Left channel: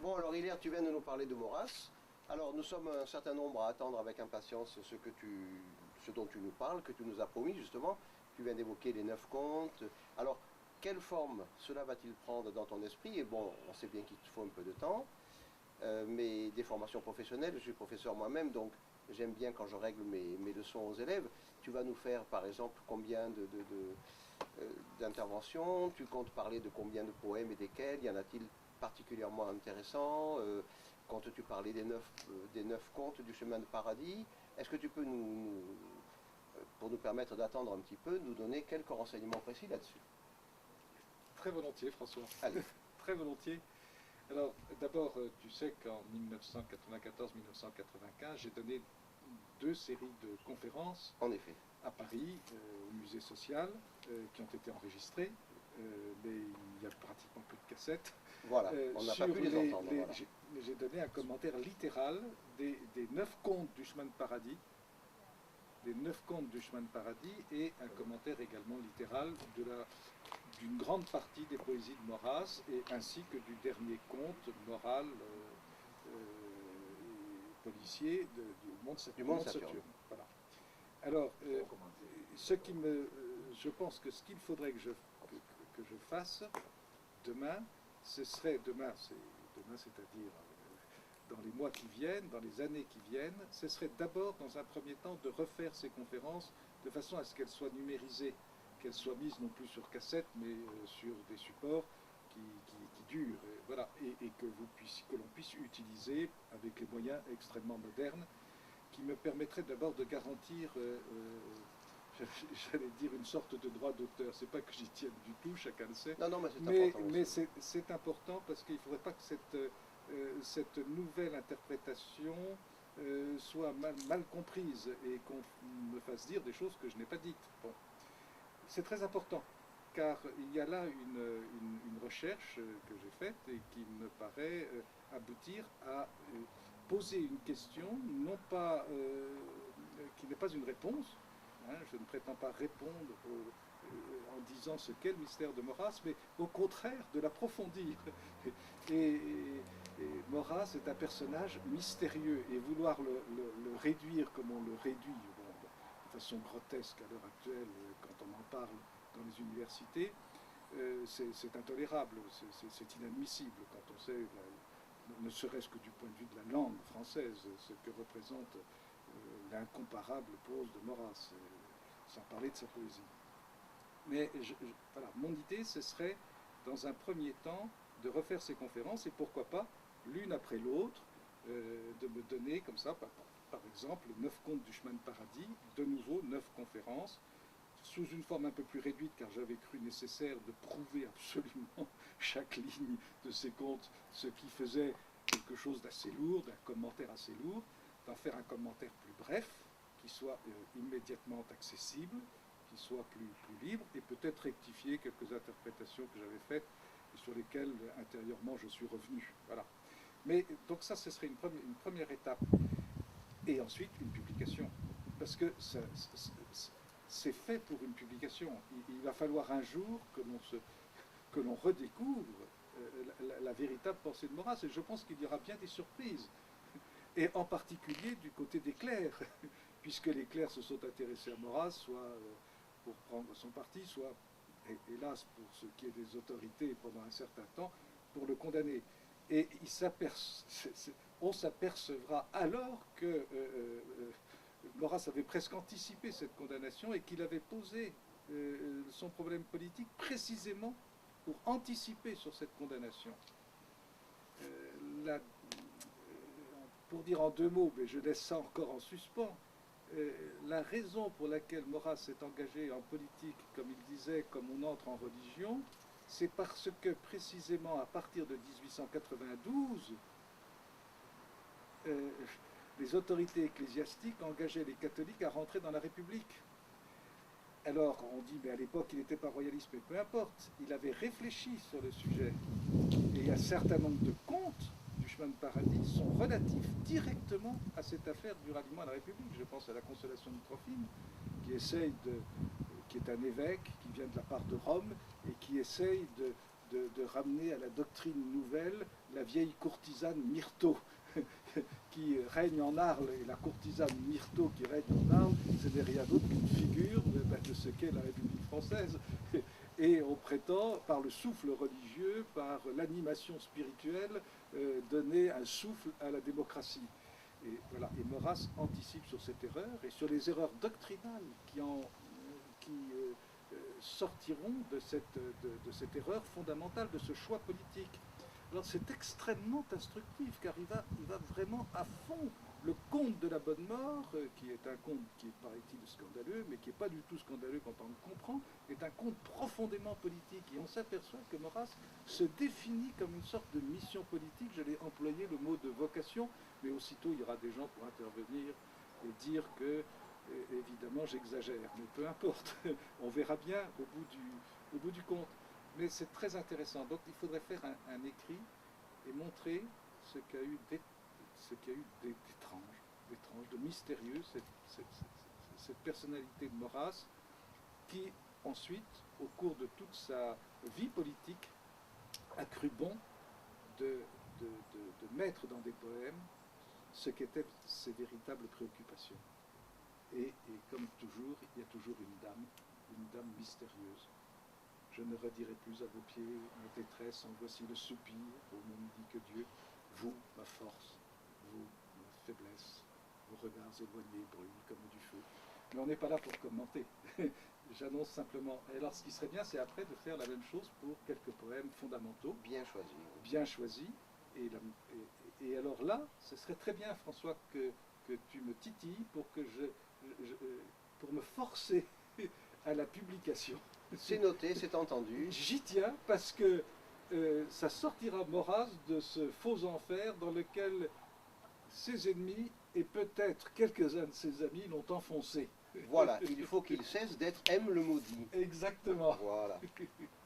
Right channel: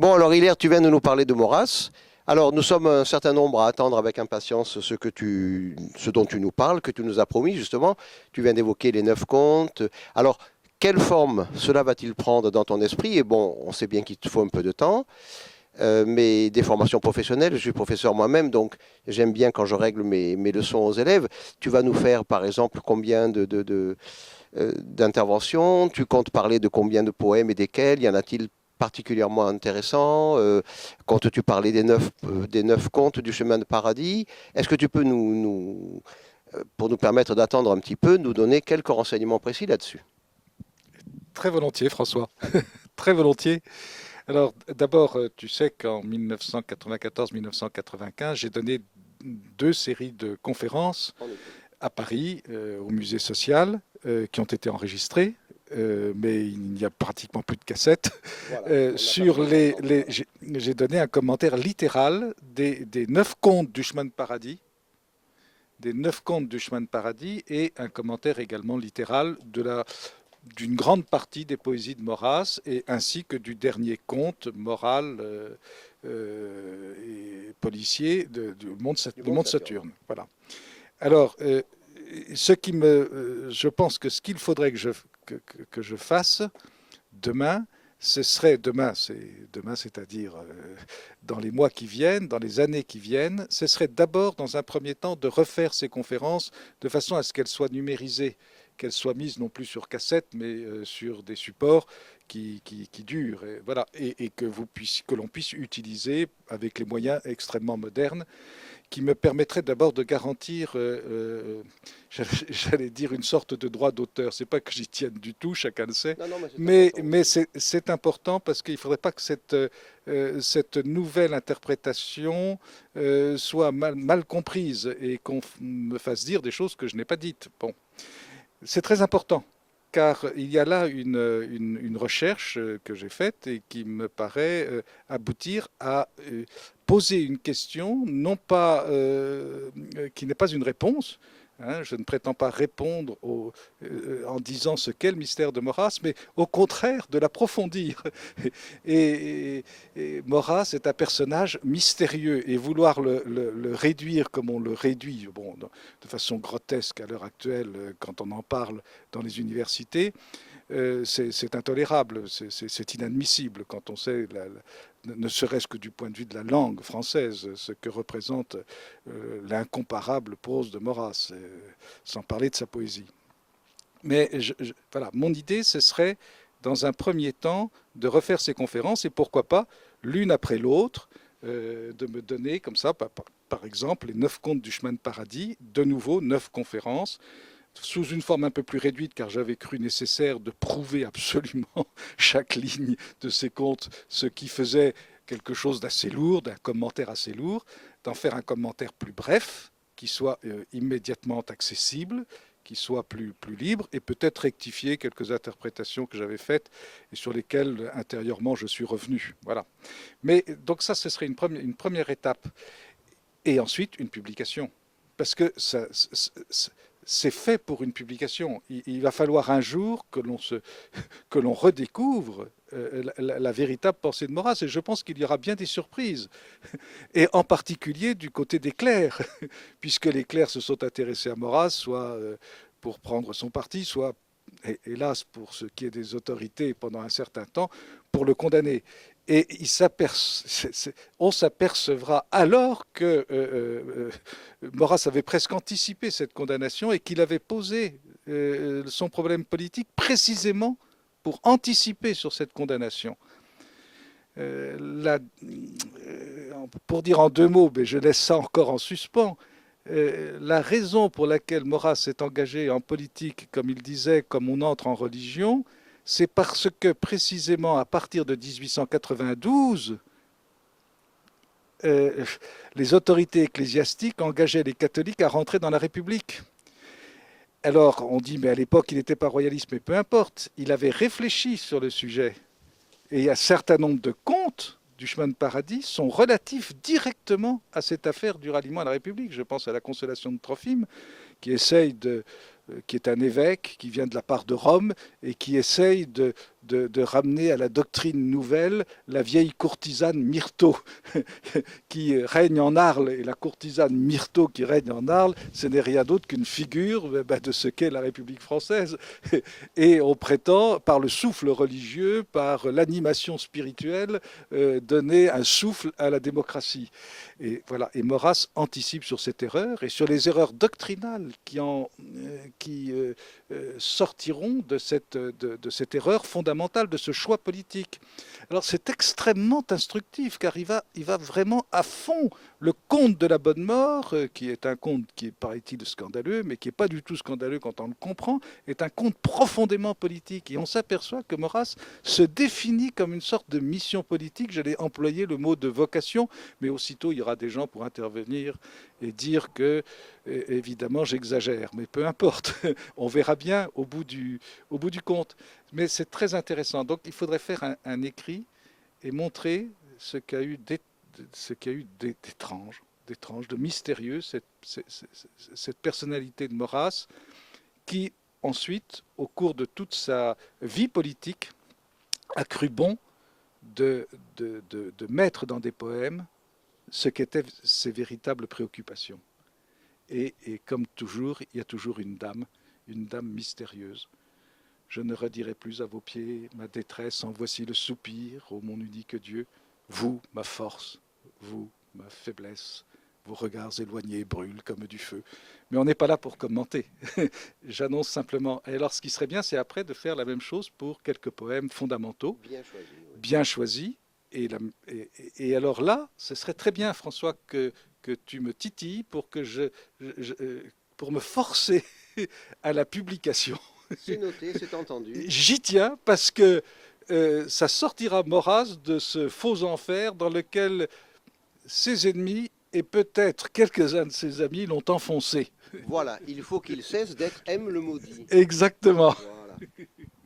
Bon, alors Hilaire, tu viens de nous parler de Maurras. Alors, nous sommes un certain nombre à attendre avec impatience ce dont tu nous parles, que tu nous as promis justement. Tu viens d'évoquer les 9 contes. Alors, quelle forme cela va-t-il prendre dans ton esprit? Et bon, on sait bien qu'il te faut un peu de temps, mais des formations professionnelles. Je suis professeur moi-même, donc j'aime bien quand je règle mes leçons aux élèves. Tu vas nous faire, par exemple, combien d'interventions? Tu comptes parler de combien de poèmes et desquels? Y en a-t-il particulièrement intéressant? Comptes-tu parler des 9 contes du chemin de paradis? Est-ce que tu peux pour nous permettre d'attendre un petit peu, nous donner quelques renseignements précis là-dessus? Très volontiers, François. Très volontiers. Alors, d'abord, tu sais qu'en 1994-1995, j'ai donné deux séries de conférences à Paris, au musée social, qui ont été enregistrées, mais il n'y a pratiquement plus de cassettes. Voilà, on n'a pas Sur besoin de l'entendre. j'ai donné un commentaire littéral des 9 contes du chemin de paradis, des 9 contes du chemin de paradis, et un commentaire également littéral d'une grande partie des poésies de Maurras, et ainsi que du dernier conte moral et policier Du du monde monde Saturne. Saturne. Voilà. Alors, je pense que ce qu'il faudrait que je fasse demain, ce serait demain, c'est-à-dire dans les mois qui viennent, dans les années qui viennent, ce serait d'abord, dans un premier temps, de refaire ces conférences de façon à ce qu'elles soient numérisées, qu'elles soient mises non plus sur cassette, mais sur des supports qui durent, et, voilà, et que l'on puisse utiliser avec les moyens extrêmement modernes qui me permettrait d'abord de garantir, j'allais dire, une sorte de droit d'auteur. C'est pas que j'y tienne du tout, chacun le sait, Non, non, mais c'est important mais aussi. c'est important parce qu'il ne faudrait pas que cette nouvelle interprétation soit mal comprise et qu'on me fasse dire des choses que je n'ai pas dites. Bon, c'est très important, car il y a là une recherche que j'ai faite et qui me paraît aboutir à poser une question, non pas, qui n'est pas une réponse. Hein, je ne prétends pas répondre en disant ce qu'est le mystère de Maurras, mais au contraire de l'approfondir. Et Maurras est un personnage mystérieux, et vouloir le réduire comme on le réduit, bon, de façon grotesque à l'heure actuelle quand on en parle dans les universités, c'est intolérable, c'est inadmissible quand on sait, ne serait-ce que du point de vue de la langue française, ce que représente l'incomparable prose de Maurras, sans parler de sa poésie. Mais voilà, mon idée, ce serait, dans un premier temps, de refaire ces conférences, et pourquoi pas, l'une après l'autre, de me donner comme ça, par exemple, les 9 contes du chemin de paradis, de nouveau 9 conférences, sous une forme un peu plus réduite, car j'avais cru nécessaire de prouver absolument chaque ligne de ces contes, ce qui faisait quelque chose d'assez lourd, d'un commentaire assez lourd, d'en faire un commentaire plus bref, qui soit immédiatement accessible, qui soit plus libre, et peut-être rectifier quelques interprétations que j'avais faites et sur lesquelles intérieurement je suis revenu. Voilà. Mais donc ça, ce serait une première étape. Et ensuite, une publication. Parce que c'est fait pour une publication. Il va falloir un jour que l'on redécouvre la véritable pensée de Maurras. Et je pense qu'il y aura bien des surprises. Et en particulier du côté des clercs, puisque les clercs se sont intéressés à Maurras, soit pour prendre son parti, soit, hélas, pour ce qui est des autorités pendant un certain temps, pour le condamner. Et on s'apercevra alors que Maurras avait presque anticipé cette condamnation et qu'il avait posé son problème politique précisément pour anticiper sur cette condamnation. Pour dire en 2 mots, mais je laisse ça encore en suspens, la raison pour laquelle Maurras s'est engagé en politique, comme il disait, comme on entre en religion, c'est parce que précisément à partir de 1892, euh, les autorités ecclésiastiques engageaient les catholiques à rentrer dans la République. Alors on dit, mais à l'époque il n'était pas royaliste, mais peu importe, il avait réfléchi sur le sujet. Et un certain nombre de contes du chemin de paradis sont relatifs directement à cette affaire du ralliement à la République. Je pense à la consolation de Trophime, qui est un évêque qui vient de la part de Rome et qui essaye de ramener à la doctrine nouvelle la vieille courtisane Myrto qui règne en Arles. Et la courtisane Myrto qui règne en Arles, ce n'est rien d'autre qu'une figure de ce qu'est la République française. Et on prétend, par le souffle religieux, par l'animation spirituelle, donner un souffle à la démocratie. Et voilà. Et Maurras anticipe sur cette erreur et sur les erreurs doctrinales qui sortiront de cette erreur fondamentale, de ce choix politique. Alors c'est extrêmement instructif car il va vraiment à fond. Le conte de la bonne mort, qui est un conte qui est, paraît-il, scandaleux, mais qui n'est pas du tout scandaleux quand on le comprend, est un conte profondément politique. Et on s'aperçoit que Maurras se définit comme une sorte de mission politique. J'allais employer le mot de vocation, mais aussitôt il y aura des gens pour intervenir et dire que, évidemment, j'exagère. Mais peu importe, on verra bien au bout du compte. Mais c'est très intéressant. Donc il faudrait faire un écrit et montrer ce qu'il y a eu d'étrange, de mystérieux, cette personnalité de Maurras, qui ensuite, au cours de toute sa vie politique, a cru bon de mettre dans des poèmes ce qu'étaient ses véritables préoccupations. Et comme toujours, il y a toujours une dame mystérieuse. Je ne redirai plus à vos pieds ma détresse, en voici le soupir, ô mon unique Dieu. Vous, ma force, vous, ma faiblesse, vos regards éloignés brûlent comme du feu. Mais on n'est pas là pour commenter. J'annonce simplement. Et alors, ce qui serait bien, c'est après de faire la même chose pour quelques poèmes fondamentaux, bien choisis. Et alors là, ce serait très bien, François, que tu me titilles pour pour me forcer à la publication. C'est noté, c'est entendu. J'y tiens parce que ça sortira Maurras de ce faux enfer dans lequel ses ennemis et peut-être quelques-uns de ses amis l'ont enfoncé. Voilà, il faut qu'il cesse d'être M le maudit. Exactement. Voilà.